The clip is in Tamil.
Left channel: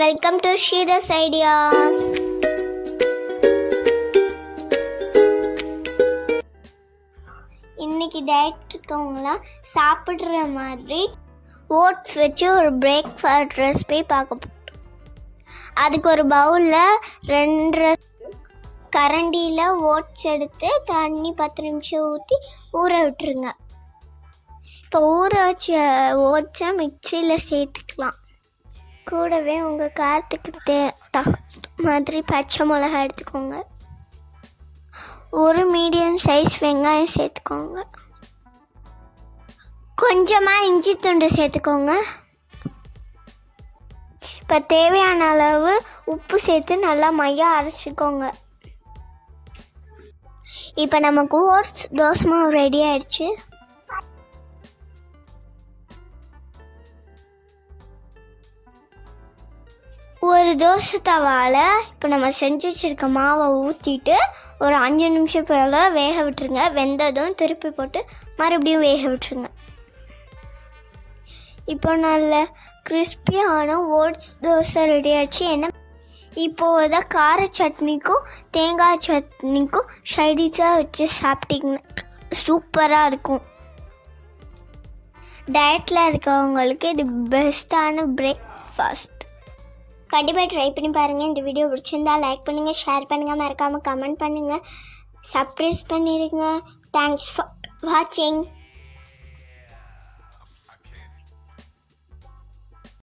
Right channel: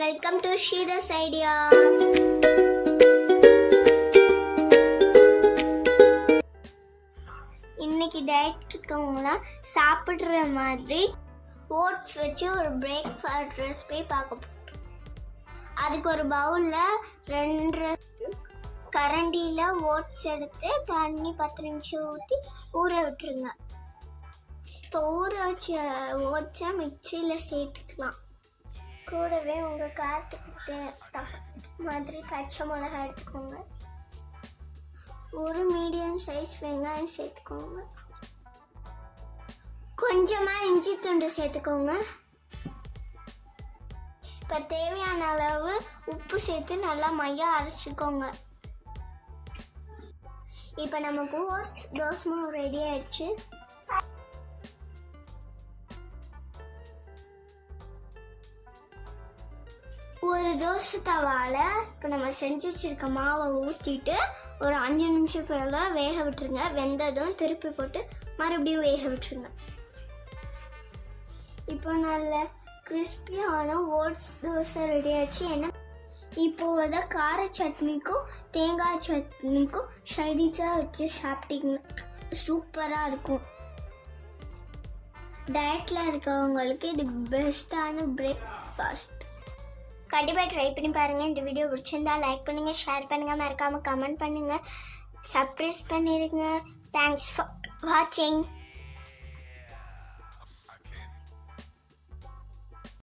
Welcome to Sheeras ideas. இன்னைக்கு டயட் இருக்கவங்களாம் சாப்பிட்ற மாதிரி ஓட்ஸ் வச்சு ஒரு பிரேக்ஃபாஸ்ட் ரெசிபி பார்க்க போகிறோம். அதுக்கு ஒரு பவுலில் 2 கரண்டியில் ஓட்ஸ் எடுத்து தண்ணி 10 நிமிஷம் ஊற்றி ஊற விட்டுருங்க. இப்போ ஊற வச்ச ஓட்ஸை மிக்சியில் சேர்த்துக்கலாம். கூடவே உங்கள் காரத்துக்கு மாதிரி பச்சை மிளகாய் எடுத்துக்கோங்க. ஒரு மீடியம் சைஸ் வெங்காயம் சேர்த்துக்கோங்க. கொஞ்சமாக இஞ்சி துண்டு சேர்த்துக்கோங்க. இப்போ தேவையான அளவு உப்பு சேர்த்து நல்லா மையாக அரைச்சிக்கோங்க. இப்போ நமக்கு ஓட்ஸ் தோசை மாவு ரெடி ஆயிடுச்சு. ஒரு தோசை தவாவில் இப்போ நம்ம செஞ்சு வச்சுருக்க மாவை ஊற்றிட்டு ஒரு 5 நிமிஷம் போல் வேக விட்டுருங்க. வெந்ததும் திருப்பி போட்டு மறுபடியும் வேக விட்டுருங்க. இப்போ நல்ல கிறிஸ்பியான ஓட்ஸ் தோசை ரெடி ஆச்சு. என்ன இப்போது தான் கார சட்னிக்கும் தேங்காய் சட்னிக்கும் சைடிஷாக வச்சு சாப்பிட்டிங்கன்னா சூப்பராக இருக்கும். டயட்டில் இருக்கவங்களுக்கு இது பெஸ்ட்டான பிரேக்ஃபாஸ்ட். கண்டிப்பாக ட்ரை பண்ணி பாருங்கள். இந்த வீடியோ பிடிச்சிருந்தா லைக் பண்ணுங்கள், ஷேர் பண்ணுங்கள், மறக்காமல் கமெண்ட் பண்ணுங்கள், சப்ஸ்கிரைப் பண்ணிடுங்க. தேங்க்ஸ் ஃபார் வாட்சிங்.